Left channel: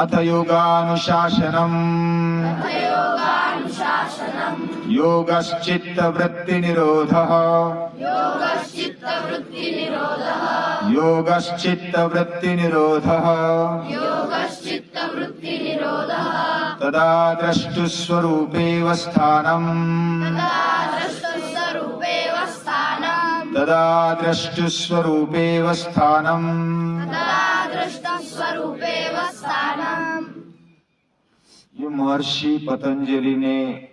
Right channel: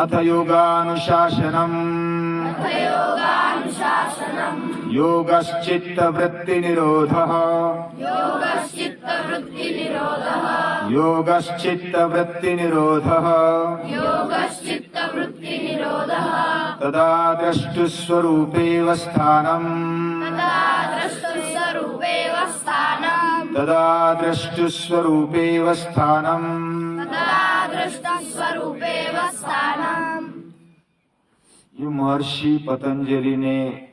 अथ योगानुशासनम् योगश्चित्तवृत्तिनिरोधः योगश्चित्तवृत्तिनिरोधः तदा द्रष्टुस्वरूपेव स्थानम् तदा द्रष्टुस्वरूपेव स्थानम् ये महर्षि पतंजलि ने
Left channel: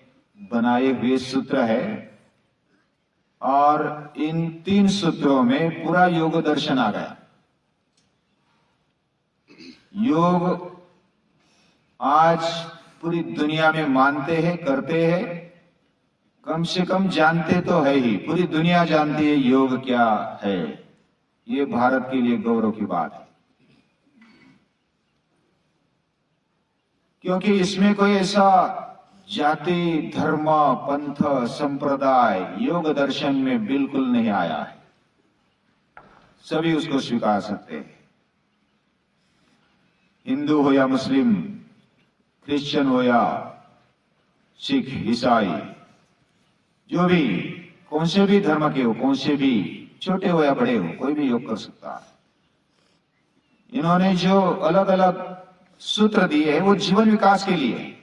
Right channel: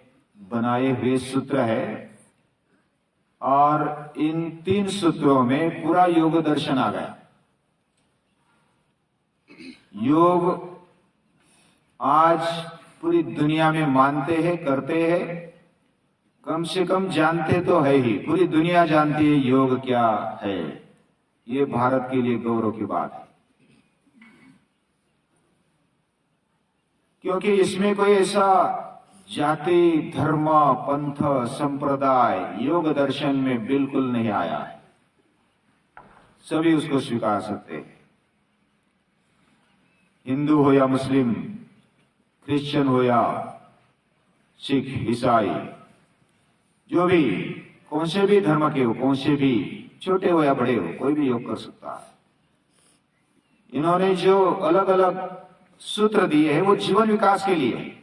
बनाए हुए सूत्र है और इन 3 सूत्रों में पूरा योग दर्शन आ गया। योग आज पूरी दुनिया में मानते हैं, करते हैं, कम से कम जानते तो है ही। पूरी दुनिया जानती है योग क्या है। ये भारत के लिए गौरव की बात है, क्योंकि इसमें कोई ऐसा जाति, धर्म, पंथ, संप्रदाय योग दर्शन में बिल्कुल नहीं आया है। सभी उसको स्वीकार सकते हैं। हिंदू हो या मुस्लिम, क्रिश्चियन हो या सिख, ईसाई, जो भी, कौन से भी धर्म के हो, कौन से भी, छोटे हो या बड़े हो, कोई भी योग कर सकता है। इन्होंने जो अलग अलग सूत्र दिए हैं वो जीवन विकास के लिए है।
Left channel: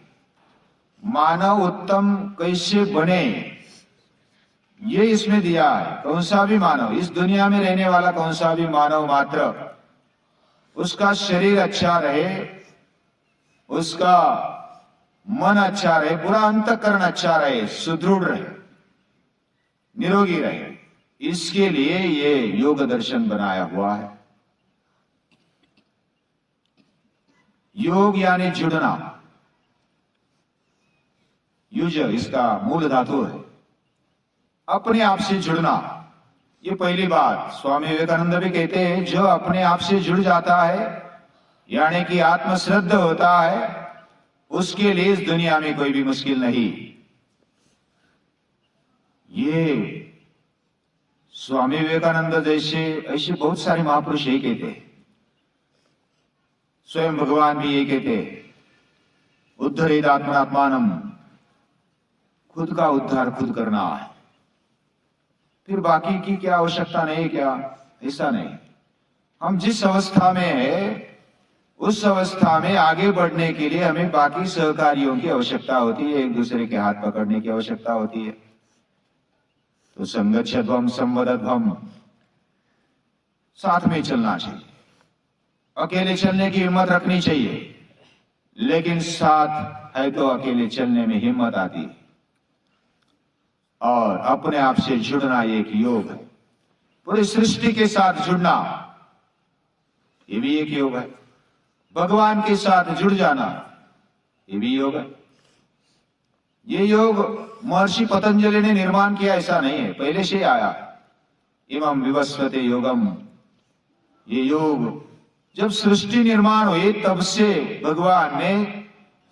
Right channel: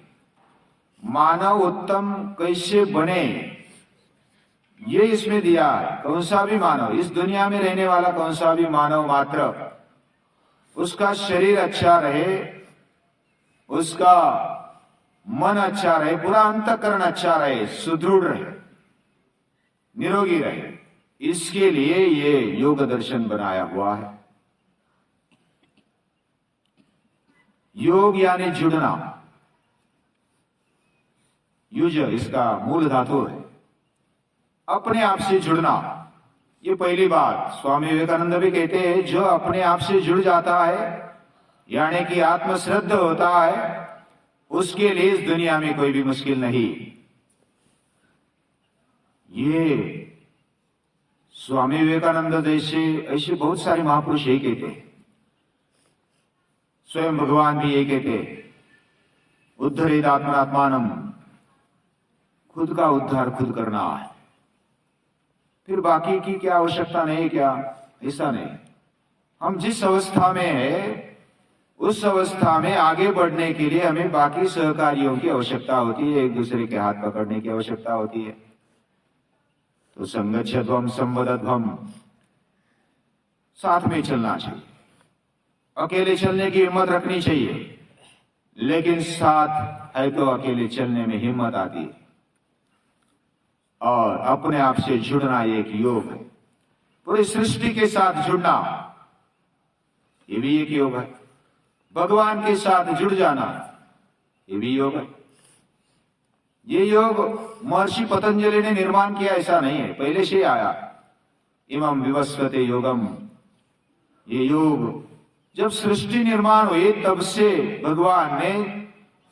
मानव उत्तम कैसे बने ये इसमें दिया है। कौन सा भी मानव, इस दुनिया में रहने वाला कौन सा भी मानव मात्र, उसका शरीर अच्छा रहे, उसका मन अच्छा रहे, पूरा अंतःकरण अच्छा रहे, सुदृढ़ रहे, निरोगी रहे, इसके लिए ये योग दर्शन बनाया हुआ है। योग यानी जुड़ना, युज इसका मूल धातु है। अपने आप से जुड़ना, ये पहली बात। स्वामी विवेकानंद भी कहते हैं जो अपने आप से जुड़ जाता है यानी कि आत्मश्रद्ध होता है, उसके लिए इस दुनिया में कोई भी मुश्किल नहीं। ये स्वामी विवेकानंद जैसे ऐसे बहुत सारे महापुरुष यही कहते हैं। स्वयं भगवान भी यही कहते हैं, उद्धरेद आत्मनात्मानम, खुद का उद्धार खुद करना है, फिर बाकी की क्या आवश्यकता नहीं। क्या ऐसा नहीं। हम जिस अवस्था में है उस अवस्था में आगे बढ़ने के लिए हमें बाकी सहकारियों की आवश्यकता होती है, एक दूसरे के हाथ पकड़ने की आवश्यकता होती है। तो संगच्छध्वम संवदध्वम, साथ में चलना चाहिए। अकेले चलने की हिम्मत रखनी चाहिए, लेकिन साथ है तो अकेले चलने में हिम्मत आती है। और अपने आप से जुड़ना ये एक योग है। पूरी सृष्टि के साथ जुड़ना ये भी एक योग है। भगवान के साथ जुड़ जाना ये भी योग है। ये योग महर्षि पतंजलि ने निर्माण किया ऐसा नहीं है, पहले से आया। इमं विवस्वते योगम, ये योग जब सृष्टि निर्माण हुई तब से भगवान ने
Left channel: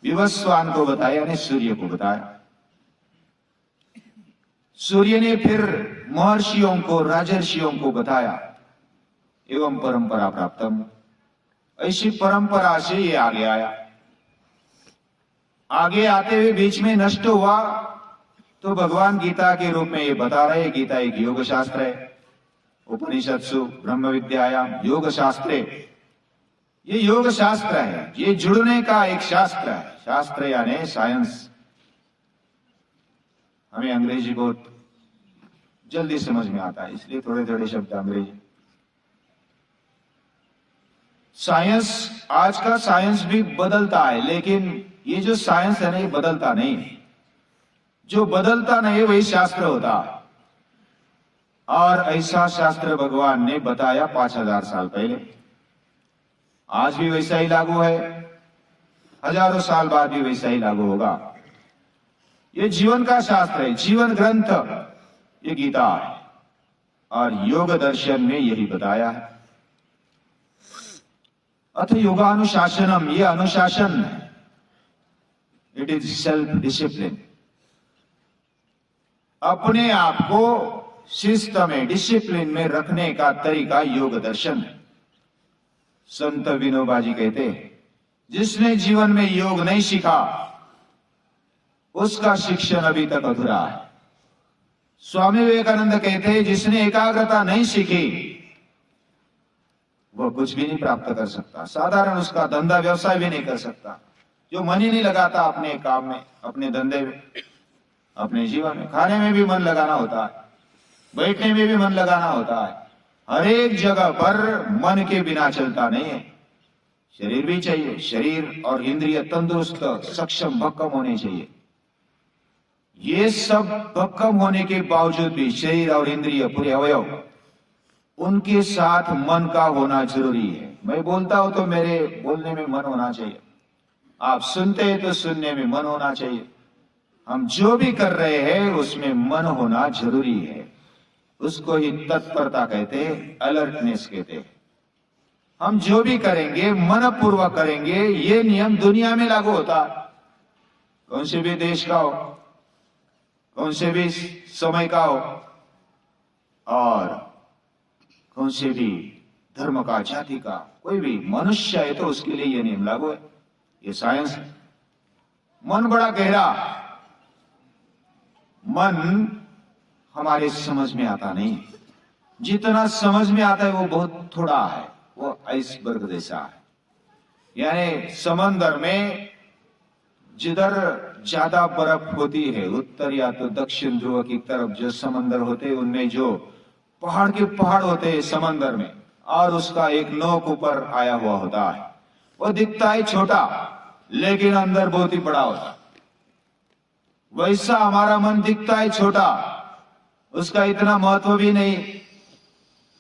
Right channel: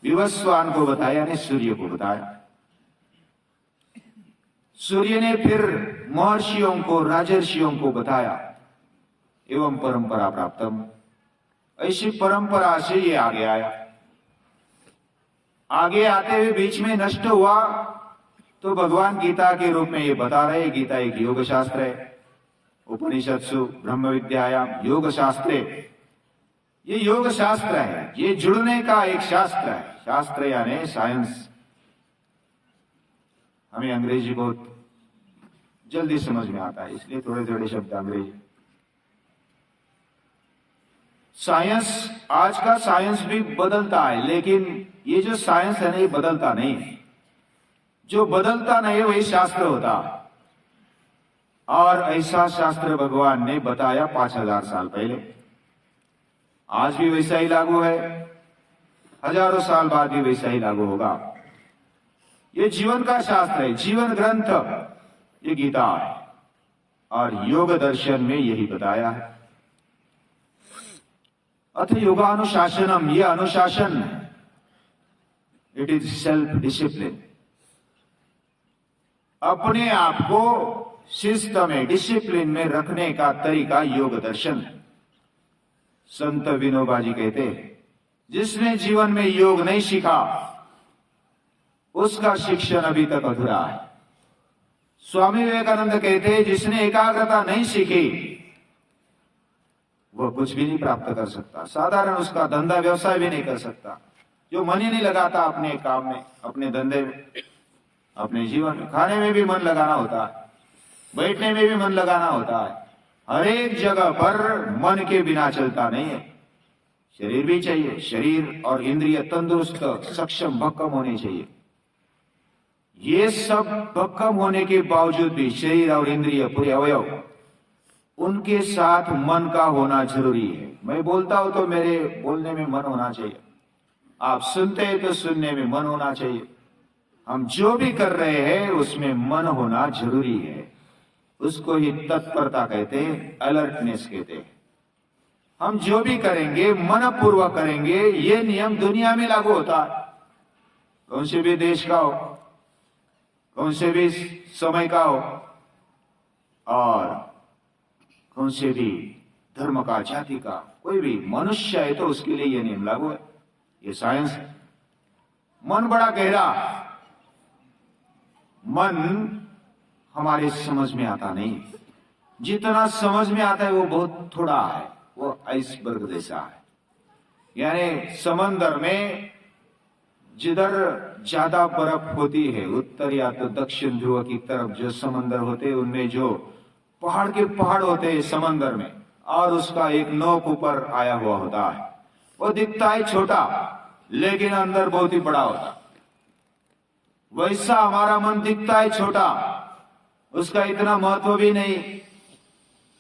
विवस्वान को बताया, यानी सूर्य को बताया। सूर्य ने फिर महर्षियों को, राजर्षियों को बताया। एवं परंपरा प्राप्तम, ऐसी परंपरा से ये आगे आया। आगे आते हुए बीच में नष्ट हुआ तो भगवान गीता के रूप में ये बता रहे। गीता एक योग शास्त्र है। उपनिषत्सु ब्रह्म विद्यायाम योग शास्त्रे, ये योग शास्त्र है, ये जुड़ने का एक शास्त्र है। शास्त्र यानी साइंस। हमें अंग्रेजी बहुत जल्दी समझ में आता है, इसलिए थोड़े थोड़े शब्द अंग्रेजी। साइंस, आज का साइंस भी बदलता है, लेकिन ये जो साइंस है ना, ये बदलता नहीं। जो बदलता नहीं वही शास्त्र होता है। और ऐसा शास्त्र भगवान ने बताया 5000 साल पहले। आज भी वैसा ही लागू है, हजारों साल बाद भी वैसा ही लागू होगा। ये जीवन का शास्त्र है, जीवन ग्रंथ ये गीता है। और योग दर्शन में यही बताया है। अथ योगानुशासनम, ये अनुशासन है। It is self discipline. अपने आप को शिस्त में, डिसिप्लिन में रखने का तरीका योग दर्शन है। संत विनोबा जी कहते हैं, जिसने जीवन में योग नहीं सीखा उसका शिक्षण अभी तक अधूरा है। स्वामी विवेकानंद कहते हैं जिसने एकाग्रता नहीं सीखी वह कुछ भी नहीं प्राप्त कर सकता, साधारण उसका धंधा व्यवसाय भी नहीं कर सकता। जो मन ही नहीं लगाता अपने काम में, अपने धंधे में, अपने जीवन में, खाने में भी मन लगाना होता है, बैठने में भी मन लगाना होता है, हर एक जगह पर मन के बिना चलता नहीं है। शरीर भी चाहिए, शरीर और इंद्रिय तंदुरुस्त सक्षम भक्कम होने चाहिए। ये सब भक्कम होने के बावजूद भी शरीर और इंद्रिय पूरे अवयव, उनके साथ मन का होना जरूरी है। मैं बोलता हूं तो मेरे बोलने में मन होना चाहिए, आप सुनते हैं तो सुनने में मन होना चाहिए। हम जो भी कर रहे हैं उसमें मन होना जरूरी है। उसको ही तत्परता कहते हैं, अलर्टनेस कहते हैं। हम जो भी करेंगे मन पूर्वक करेंगे। ये नियम दुनिया में लागू होता है, कौन से भी देश का हो, कौन से भी समय का हो, और कौन से भी धर्म का, जाति का, कोई भी मनुष्य है तो उसके लिए ये नियम लागू है। ये साइंस है। मन बड़ा गहरा, मन हमारे समझ में आता नहीं। जितना समझ में आता है वो बहुत थोड़ा है, वो आइसबर्ग जैसा है। यानी समंदर में जिधर ज्यादा बर्फ होती है, उत्तर या तो दक्षिण ध्रुव की तरफ जो समंदर होते हैं उनमें जो पहाड़ के पहाड़ होते हैं समंदर में, और उसका एक नोक ऊपर आया हुआ होता है, वो दिखता है छोटा लेकिन अंदर बहुत ही बड़ा होता है। वैसा हमारा मन दिखता है छोटा, उसका इतना महत्व भी नहीं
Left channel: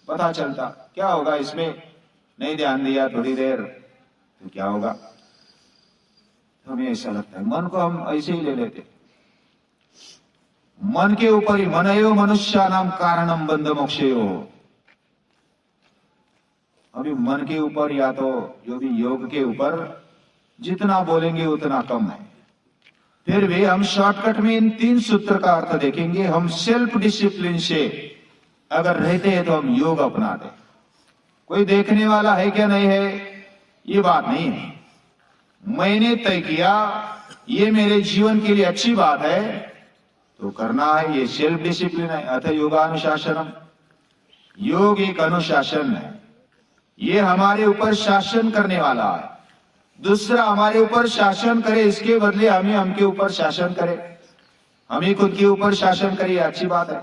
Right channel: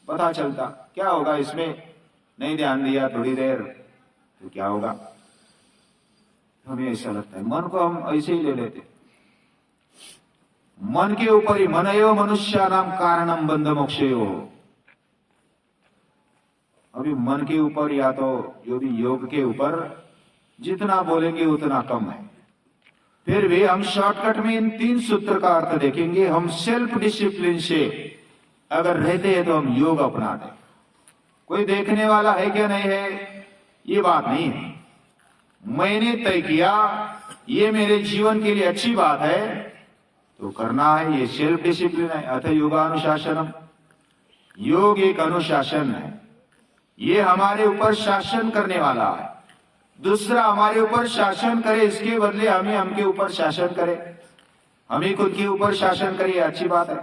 पता चलता। क्या होगा इसमें, नहीं ध्यान दिया थोड़ी देर तो क्या होगा, हमें ऐसा लगता है। मन को हम ऐसे ही ले लेते, मन के ऊपर ही, मनयो मनुष्यानाम कारणम बंध मोक्षयो। अभी मन के ऊपर या तो जो भी योग के ऊपर जितना बोलेंगे उतना कम है। फिर भी हम शॉर्टकट में इन 3 सूत्र का अर्थ देखेंगे। हम सेल्फ डिसिप्लिन से अगर रहते हैं तो हम योग अपनाते। कोई देखने वाला है क्या नहीं है ये बात नहीं है। मैंने तय किया ये मेरे जीवन के लिए अच्छी बात है तो करना है, ये सेल्फ डिसिप्लिन है। अथ योगानुशासनम, योग एक अनुशासन है, ये हमारे ऊपर शासन करने वाला है। दूसरा हमारे ऊपर शासन करे, इसके बदले हमें हमके ऊपर शासन करे, हम ही खुद के ऊपर शासन करें, अच्छी बात है।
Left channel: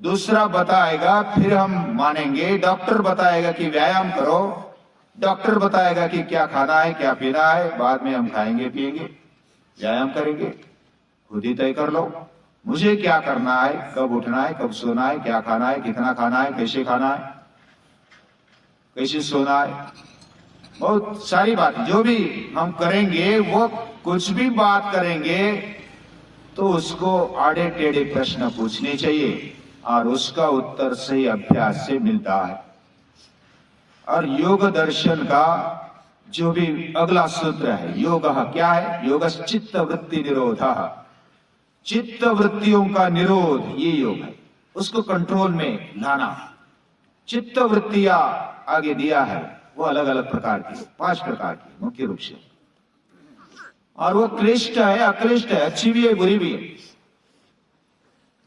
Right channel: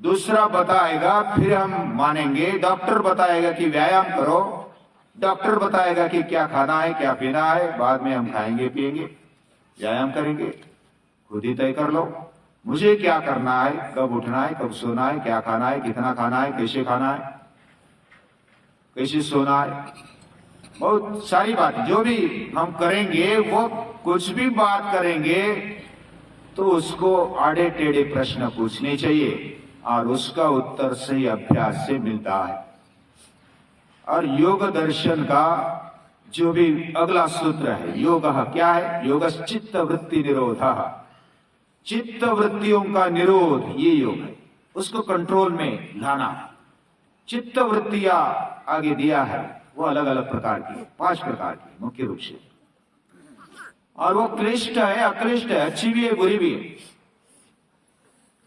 दूसरा बताएगा फिर हम मानेंगे। डॉक्टर बताएगा कि व्यायाम करो, डॉक्टर बताएगा कि क्या खाना है क्या पीना है, बाद में हम खाएंगे पिएंगे, व्यायाम करेंगे। खुद ही तय कर लो मुझे क्या करना है, कब उठना है, कब सोना है, क्या खाना है, कितना खाना है, कैसे खाना है, कैसे सोना है, बहुत सारी बातें जो भी हम करेंगे। वो कुछ भी बात करेंगे तो उसको आड़े टेढ़े प्रश्न पूछने चाहिए और उसका उत्तर सही अभ्यास से मिलता है। और योग दर्शन का जो भी अगला सूत्र है, योग क्या है, योग चित्त वृत्ति निरोधः, चित्त वृत्तियों का निरोध ये योग है, उसको कंट्रोल में लाना। चित्त वृत्तियां आगे दिया है वो अलग अलग प्रकार की, 5 प्रकार की मुख्य रूप से, और वो क्लिष्ट है अक्लिष्ट है, अच्छी भी है बुरी भी है।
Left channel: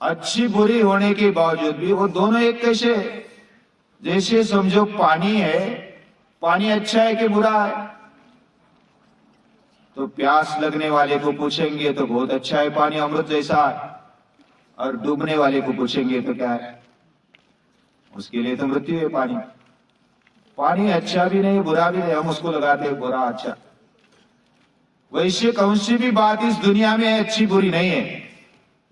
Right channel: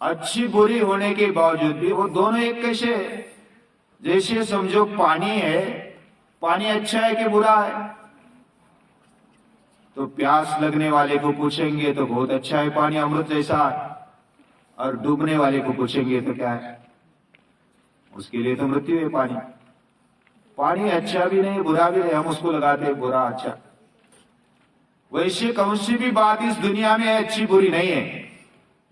अच्छी बुरी होने के बावजूद भी वो दोनों एक कैसे, जैसे समझो पानी है, पानी अच्छा है कि बुरा है, तो प्यास लगने वाले को पूछेंगे तो बहुत अच्छा है पानी, अमृत जैसा है, और डूबने वाले को पूछेंगे तो क्या है, उसके लिए तो मृत्यु है पानी। पानी अच्छा भी नहीं बुरा भी नहीं, हम उसको लगाते हैं बुरा अच्छा। वैसे कौन सी भी बात इस दुनिया में अच्छी बुरी नहीं है,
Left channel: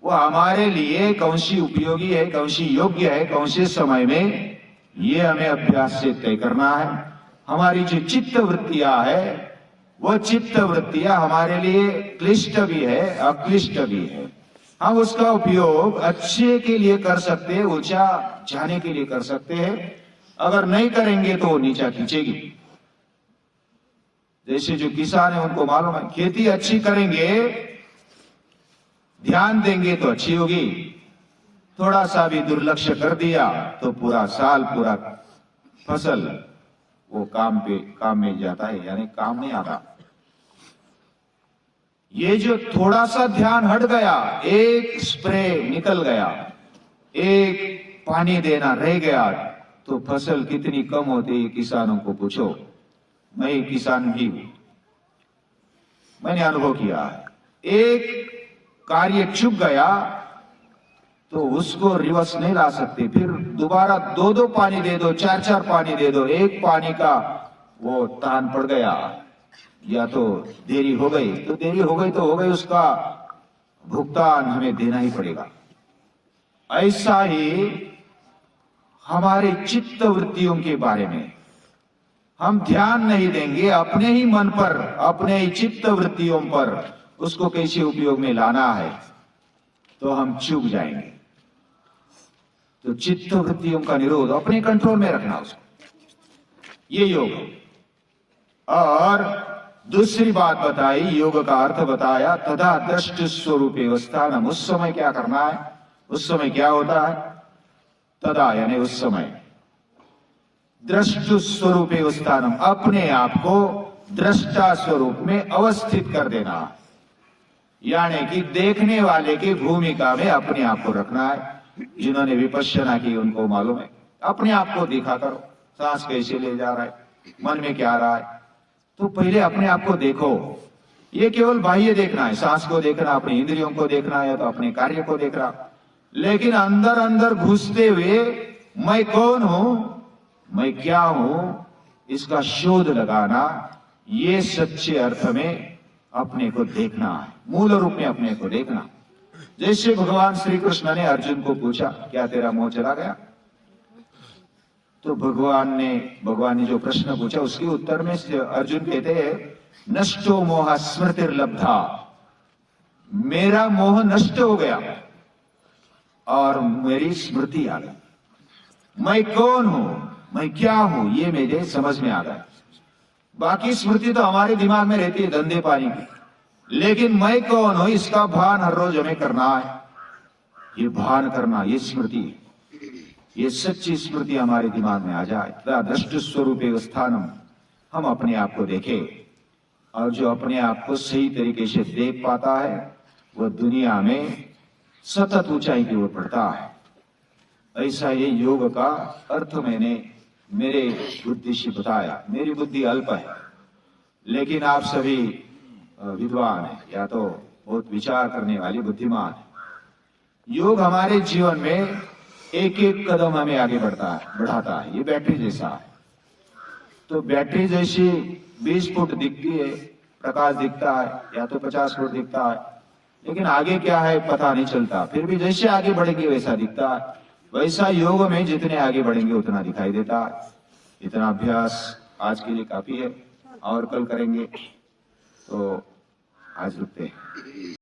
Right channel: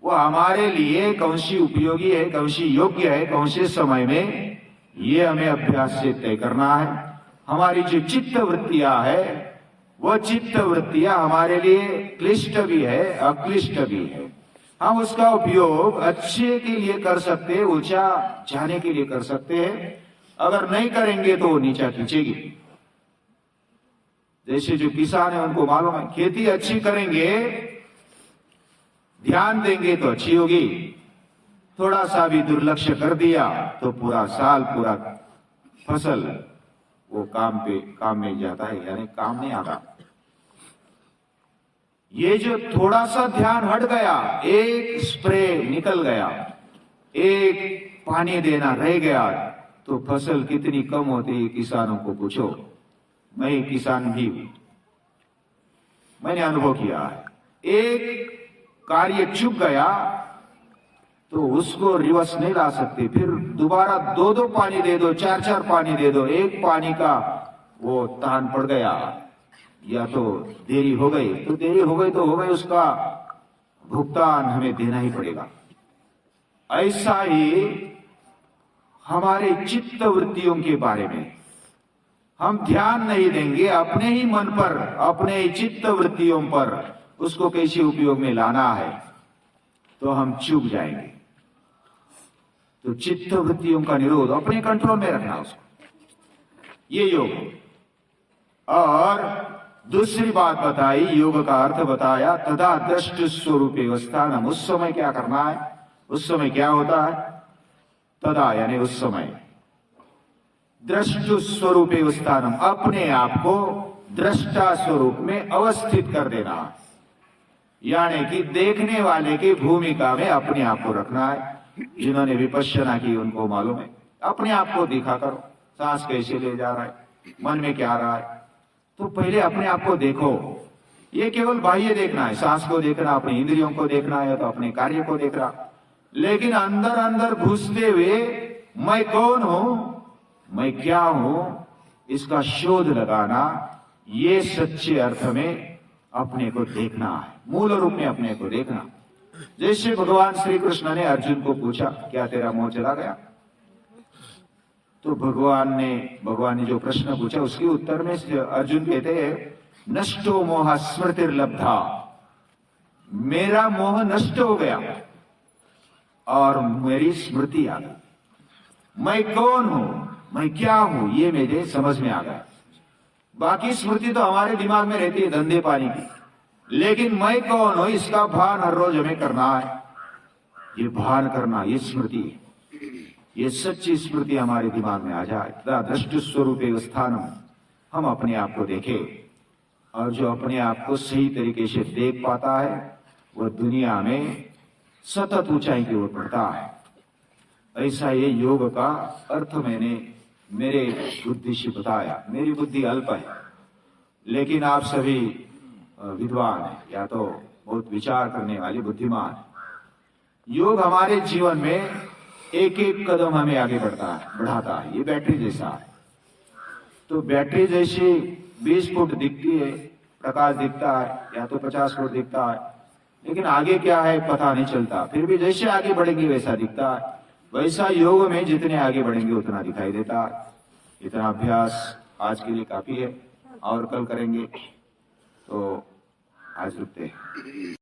वो हमारे लिए कौन सी उपयोगी है, कौन सी योग्य है, कौन से समय में, ये हमें अभ्यास से तय करना है। हमारी जो चित्त वृत्तियां है वह चित्त वृत्तियां हमारे लिए क्लिष्ट भी है अक्लिष्ट भी है। हम उसका उपयोग अच्छे के लिए कर सकते हैं, ऊंचा जाने के लिए कर सकते हैं। अगर नहीं करेंगे तो वो नीचा खींचेगी। जैसे जो किसान है उनको मालूम है, खेती अच्छी करेंगे, ध्यान देंगे तो अच्छी होगी, थोड़ा सा भी दुर्लक्ष्य कर दिया तो पूरा साल पूरा फसल वो काम में जाता है, यानी काम नहीं आता। ये जो थोड़ा सा ध्यान हट गया, एक स्प्रे निकल गया, एक पानी देना रह गया, तो फसल कितनी कम होती है किसानों को पूछो। मैं किसान भी हूं, मैंने अनुभव किया है। एक कार्य चुक गया तो उसको रिवर्स नहीं ला सकते, फिर दोबारा दो दो पानी दे दो, चार चार पानी दे दो, एक पानी का वो तान पड़ गया, या तो देरी हो गई तो देरी हो गई तो हो गई, उसका भुगतान हमें देना ही पड़ेगा। ऐसा ही हमारे चित्त वृत्तियों के बारे में हम ध्यान नहीं देंगे, अपने ही मन पर, अपने ही चित्त वृत्तियों पर उसको कैसे उपयोग में लाना है, तो हम चूक जाएंगे। तो चित्त वृत्तियों का निरोध, अपने कंट्रोल में रखना उसको, ये योग है। और दूसरी बात बताई, योग का अर्थ बताया, तदा दृष्ट स्वरूप अवस्थानम, उस समय क्या करना है, उस समय क्या होता है, तदा यानी उस समय, दृष्ट स्वरूप अवस्थानम, अपने आप को दृष्टा स्वरूप में अवस्थित कर देना है, यानी कि देखने वाले की भूमिका में अपने आप को रखना है। जिन्होंने विपश्यना की उनको मालूम है, अपने आप को देखा करो, सांस कैसे ले जा रहा है, मन में क्या आ रहा है, तो पहले अपने आप को देखो। ये केवल बाह्य देखना है, सांस को देखना, अपने इंद्रियों को देखना है, तो अपने कार्य को देखना, लेकिन अंदर अंदर घुसते हुए मैं कौन हूं, मैं क्या हूं, इसका शोध लगाना, ये सच्चे अर्थ में अपने को देखना है, मूल रूप में अपने को देखना। जैसे भगवान श्री कृष्ण ने अर्जुन को पूछा, क्या तेरा मोह चला गया? तो भगवान ने जो प्रश्न पूछा उसके उत्तर में अर्जुन कहते हैं, नष्टो मोह स्मृतिर्लब्धा, मेरा मोह नष्ट हो गया और मेरी स्मृति आ गई। मैं कौन हूं, मैं क्या हूं, ये मेरे समझ में आ गया। बाकी स्मृति तो हमारे दिमाग में रहती है धंधे पानी की, लेकिन मैं कौन हूं इसका भान हर रोज हमें करना है। ये भान करना, ये स्मृति, ये सच्ची स्मृति हमारे दिमाग में आ जाए, तथा दृष्ट स्वरूप स्थानम, हम अपने आप को देखें। और जो अपने आप को सही तरीके से देख पाता है वह दुनिया में सतत ऊंचाई की ओर बढ़ता है। ऐसा ये योग का अर्थ मैंने मेरे बुद्धि से बताया। मेरी बुद्धि अल्प है, लेकिन आप सभी विद्वान हैं, या तो बहुत विचार करने वाले बुद्धिमान हैं। योग हमारे जीवन में एक एक कदम हमें आगे बढ़ाता है। ये बैटरी जैसा है, तो बैटरी जैसी 20 फुट दिखती है, प्रकाश दिखता है, या तो 50 फुट दिखता है, लेकिन आगे क्या है पता नहीं चलता। फिर भी जैसे आगे बढ़ेगी वैसा दिखता है। वैसा योग में जितने आगे बढ़ेंगे उतना दिखाई देता है। इतना अभ्यास आज के लिए काफी है, और कल करेंगे। तो आज रुकते हैं।